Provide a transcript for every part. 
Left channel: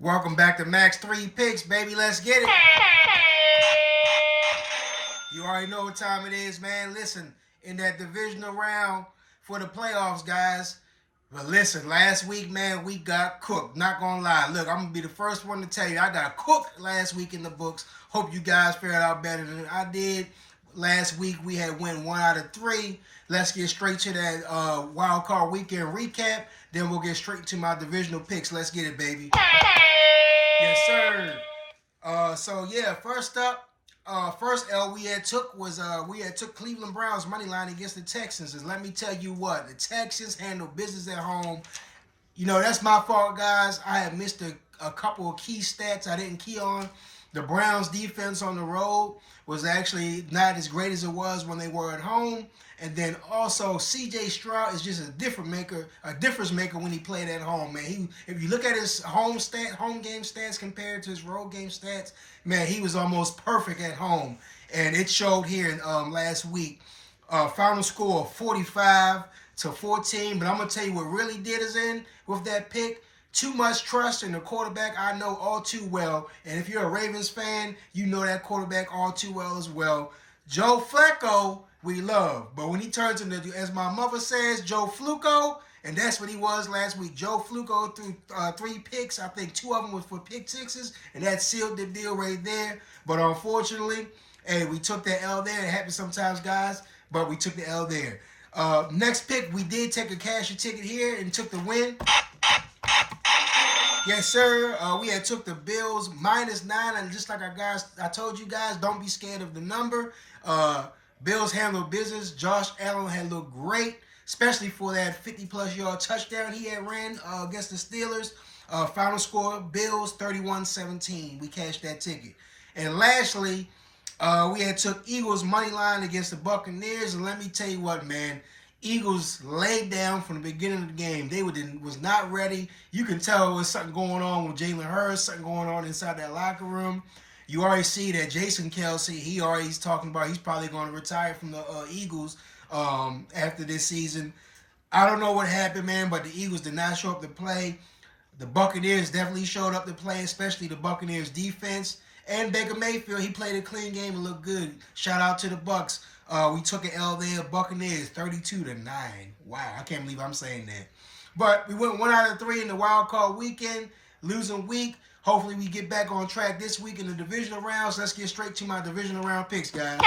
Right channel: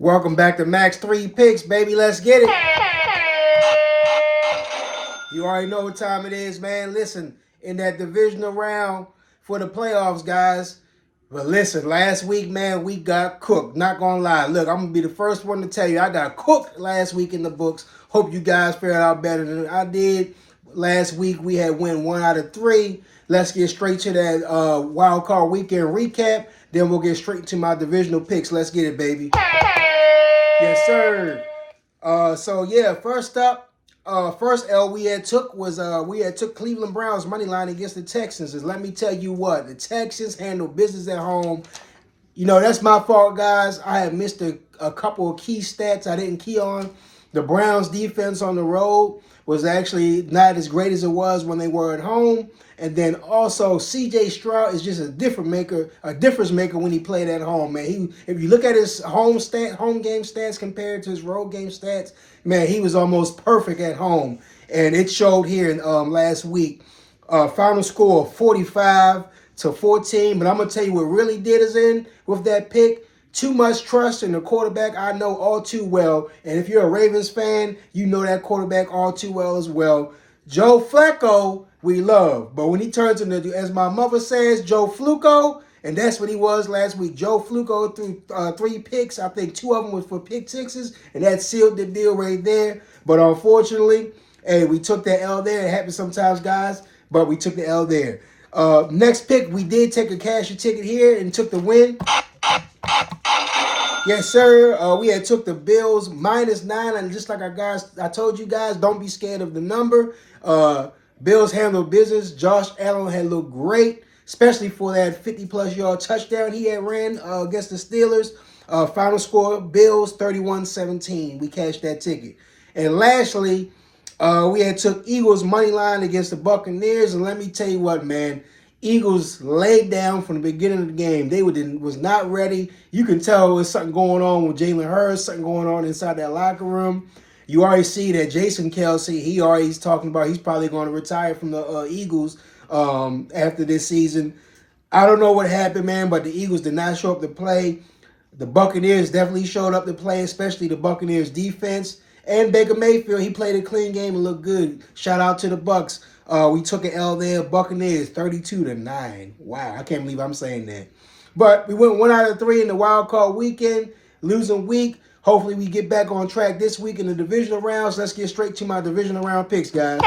Welcome back to Max 3 Picks, baby. Let's get it. You already know what time it is, man. Listen, in that divisional round for the playoffs, guys. But listen, last week, man, we got cooked. Not gonna lie. Look, I'm gonna be the first one to tell you I got cooked last week in the books. Hope you guys fared out better than I did. Last week we had win 1 out of 3. Let's get straight to that wild card weekend recap. Then we'll get straight to my divisional picks. Let's get it, baby. Yes, sir. So yeah, first up, first L we had took was we had took Cleveland Browns money line against the Texans. And let me tell you what, the Texans handle business at home. You know, that's my fault, guys. I have missed a couple of key stats I didn't key on. The Browns defense on the road was actually not as great as it was when they were at home. And then also CJ Stroud is just a difference maker when he played at home, man. If you look at his home game stats compared to his road game stats, man, he was almost perfect at home. And it showed here in last week. Final score 45-14. But I'm gonna tell you what really did us in with that pick. Too much trust in the quarterback I know all too well. And if you're a Ravens fan, you know that quarterback all too well as well. Joe Flacco, we love. But when he turns into, as my mother says, Joe Fluco, and that's what he was last week. Joe Fluco threw 3 picks. I think 2 of them was for pick sixes, and that sealed the deal right there. But unfortunately, hey, we took that L there. It happens sometimes, guys, but we took the L there. Next pick, we did take a cashier ticket here and took the win. Yes, sir. We had took the Bills -9, and just like I told you guys, don't be scared of the number. Bills handled business. Josh Allen had looked great, especially for that 50-plus yard touchdown he had ran against the Steelers. Final score, Bills 31-17. We cashed that ticket. And lastly, we had took Eagles money line against the Buccaneers, and let me tell you what, man. Eagles laid down from the beginning of the game. They was not ready. You can tell there's something going on with Jalen Hurts, something going on inside that locker room. You already see that Jason Kelsey, he's talking about he's probably going to retire from the Eagles after this season. I don't know what happened, man, but the Eagles did not show up to play. The Buccaneers definitely showed up to play, especially the Buccaneers defense. And Baker Mayfield, he played a clean game and looked good. Shout out to the Bucs. We took an L there. Buccaneers 32-9. Wow, I can't believe I'm saying that. But we went 1 out of 3 in the wild card weekend, losing week. Hopefully we get back on track this week in the divisional rounds. Let's get straight to my divisional round picks, guys.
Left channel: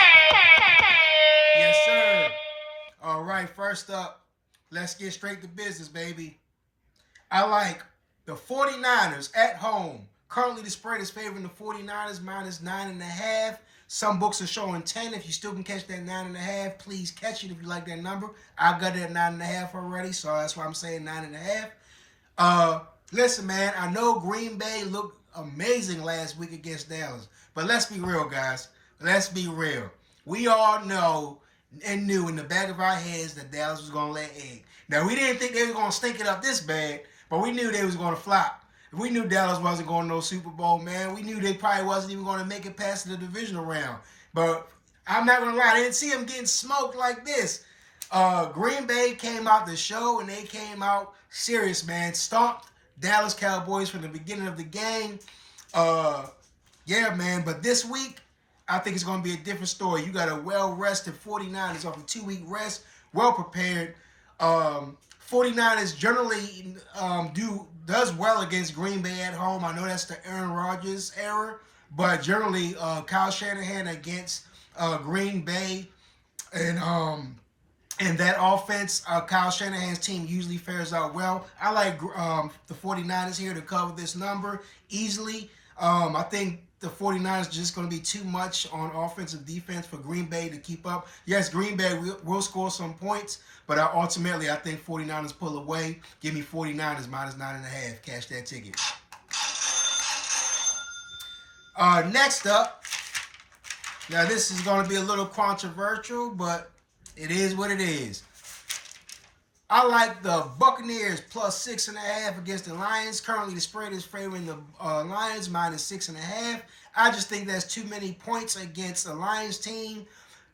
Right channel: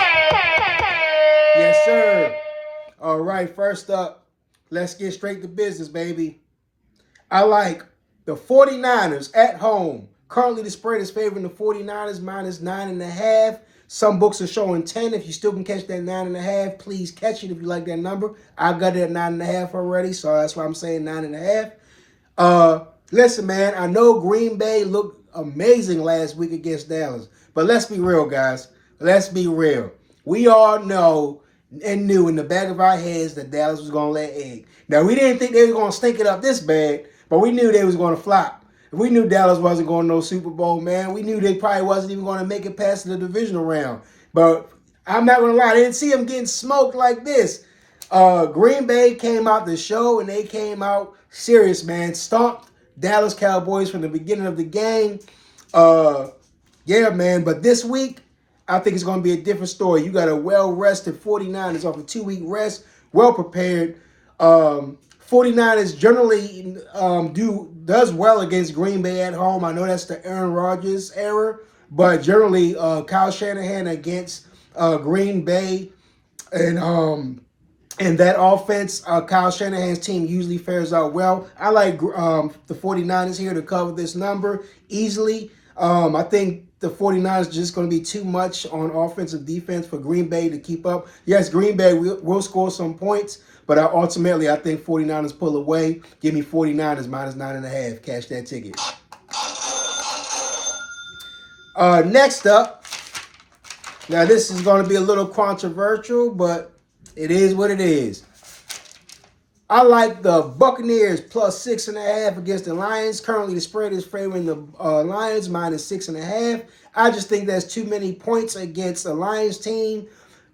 Yes, sir. All right, first up, let's get straight to business, baby. I like the 49ers at home. Currently, the spread is favoring the 49ers -9.5. Some books are showing 10. If you still can catch that 9.5, please catch it if you like that number. I got it at 9.5 already, so that's why I'm saying 9.5. Listen, man, I know Green Bay looked amazing last week against Dallas, but let's be real, guys. Let's be real. We all know and knew in the back of our heads that Dallas was going to lay egg. Now, we didn't think they were going to stink it up this bad, but we knew they was going to flop. We knew Dallas wasn't going to no Super Bowl, man. We knew they probably wasn't even going to make it past the divisional round. But I'm not going to lie, I didn't see them getting smoked like this. Green Bay came out the show, and they came out serious, man. Stomped Dallas Cowboys from the beginning of the game. Yeah, man. But this week, I think it's going to be a different story. You got a well-rested 49ers off a 2-week rest, well-prepared. 49ers generally does well against Green Bay at home. I know that's the Aaron Rodgers era, but generally Kyle Shanahan against Green Bay and that offense, Kyle Shanahan's team usually fares out well. I like the 49ers here to cover this number easily. I think the 49ers are just going to be too much on offensive defense for Green Bay to keep up. Yes, Green Bay will score some points, but ultimately I think 49ers pull away. Give me 49ers -9.5. Cash that ticket. Next up, now this is going to be a little controversial, but it is what it is. I like the Buccaneers +6.5 against the Lions. Currently, the spread is favoring the Lions -6.5. I just think that's too many points against the Lions team.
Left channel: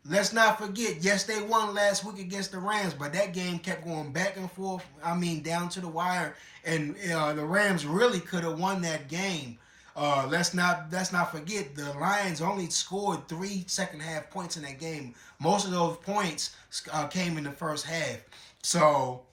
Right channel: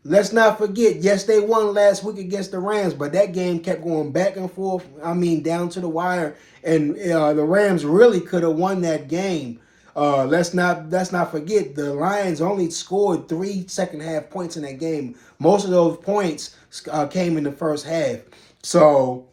let's not forget, yes, they won last week against the Rams, but that game kept going back and forth. I mean, down to the wire, and the Rams really could have won that game. Let's not forget the Lions only scored 3 second half points in that game. Most of those points came in the first half. So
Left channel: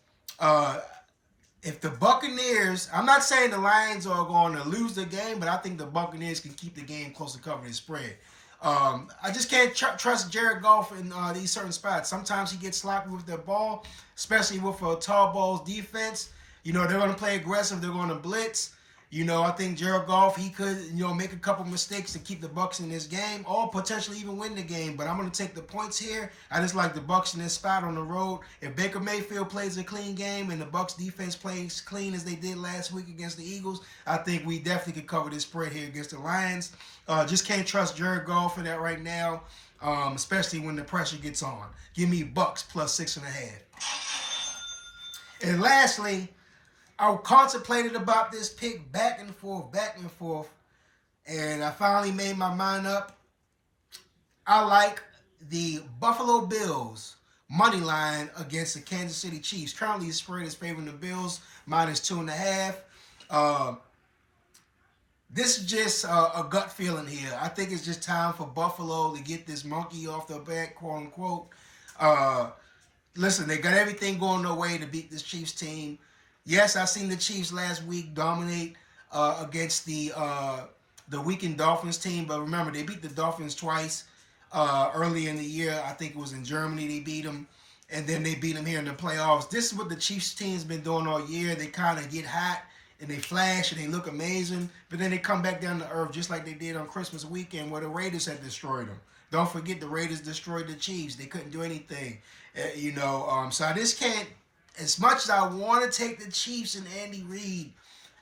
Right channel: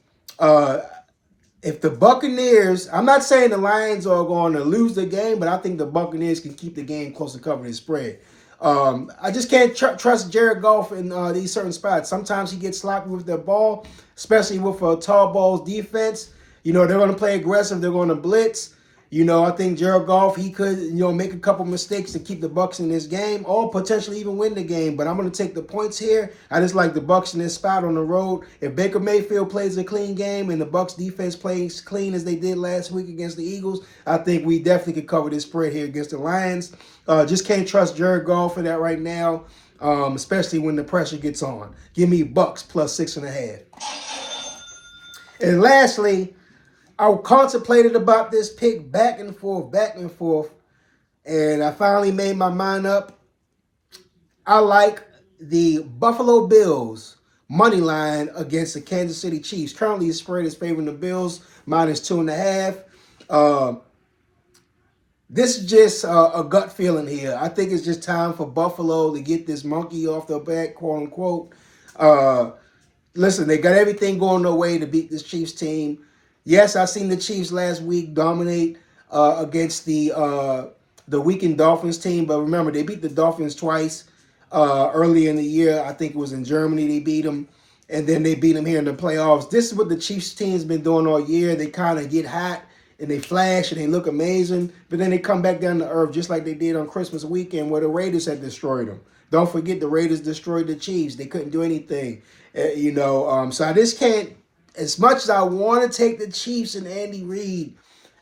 if the Buccaneers, I'm not saying the Lions are going to lose the game, but I think the Buccaneers can keep the game close to cover the spread. I just can't trust Jared Goff in these certain spots. Sometimes he gets sloppy with the ball, especially with a tall balls defense. They're going to play aggressive. They're going to blitz. I think Jared Goff, he could, make a couple mistakes to keep the Bucs in this game or potentially even win the game. But I'm going to take the points here. I just like the Bucs in this spot on the road. If Baker Mayfield plays a clean game and the Bucs defense plays clean as they did last week against the Eagles, I think we definitely could cover this spread here against the Lions. Just can't trust Jared Goff for that right now, especially when the pressure gets on. Give me Bucs plus 6.5. And lastly, I contemplated about this pick back and forth, and I finally made my mind up. I like the Buffalo Bills money line against the Kansas City Chiefs. Currently, the spread is favoring the Bills minus 2.5. This is just a gut feeling here. I think it's just time for Buffalo to get this monkey off their back, quote unquote. Listen, they got everything going their way to beat this Chiefs team. Yes, I seen the Chiefs last week dominate against the weakened Dolphins team, but remember, they beat the Dolphins twice early in the year. I think it was in Germany they beat them, and then they beat them here in the playoffs. This is what the Chiefs team's been doing all year. They kind of get hot, and they flash, and they look amazing, but then they come back down to earth just like they did on Christmas weekend where the Raiders had destroyed them. Don't forget the Raiders destroyed the Chiefs. They couldn't do anything, so I just can't. As much as I want to take the Chiefs and Andy Reid,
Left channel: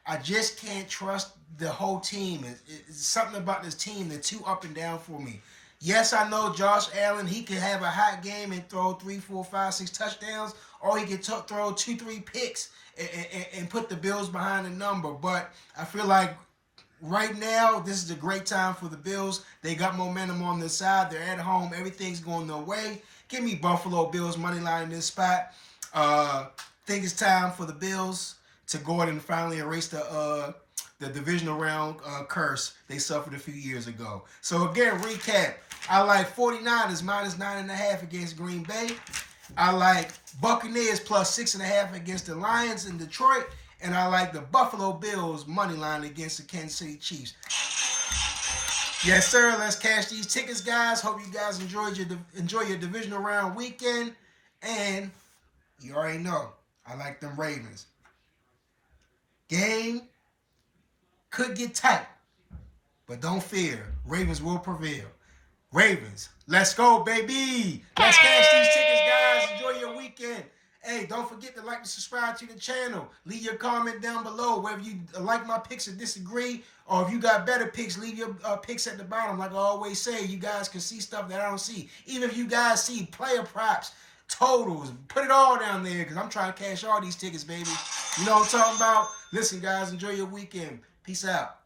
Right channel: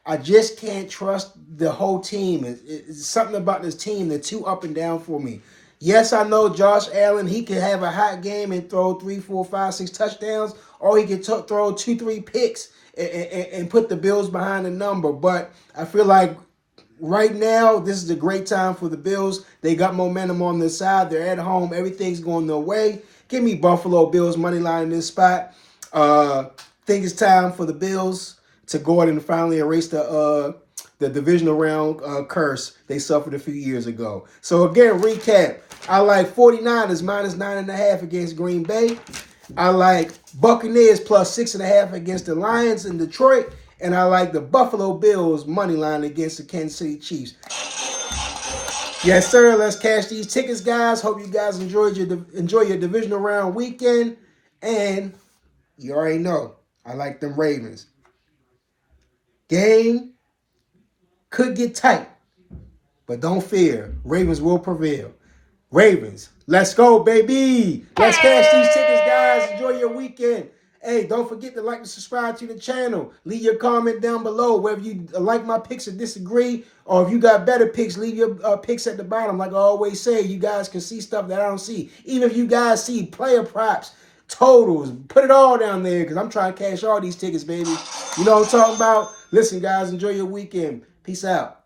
I just can't trust the whole team. It's something about this team that's too up and down for me. Yes, I know Josh Allen, he can have a hot game and throw 3, 4, 5, 6 touchdowns, or he can throw 2, 3 picks and put the Bills behind the number. But I feel like right now, this is a great time for the Bills. They got momentum on their side. They're at home. Everything's going their way. Give me Buffalo Bills money line in this spot. Think it's time for the Bills to go ahead and finally erase the divisional round curse they suffered a few years ago. So again, recap. I like 49ers minus 9.5 against Green Bay. I like Buccaneers plus 6.5 against the Lions in Detroit. And I like the Buffalo Bills money line against the Kansas City Chiefs. Yes, sir. Let's cash these tickets, guys. Hope you guys enjoy your divisional round weekend. And you already know, I like them Ravens. Game could get tight, but don't fear. Ravens will prevail. Ravens, let's go, baby. Let's cash these tickets, guys. Enjoy your weekend. Hey, don't forget to like and subscribe to the channel. Leave your comment down below whether you like my picks or disagree, or if you got better picks, leave your picks at the bottom. Like I always say, you guys can see stuff that I don't see. Even if you guys see player props, totals, put it all down there because I'm trying to cash all these tickets, baby. You know what I'm talking about? Listen, guys, enjoy your weekend. Peace out.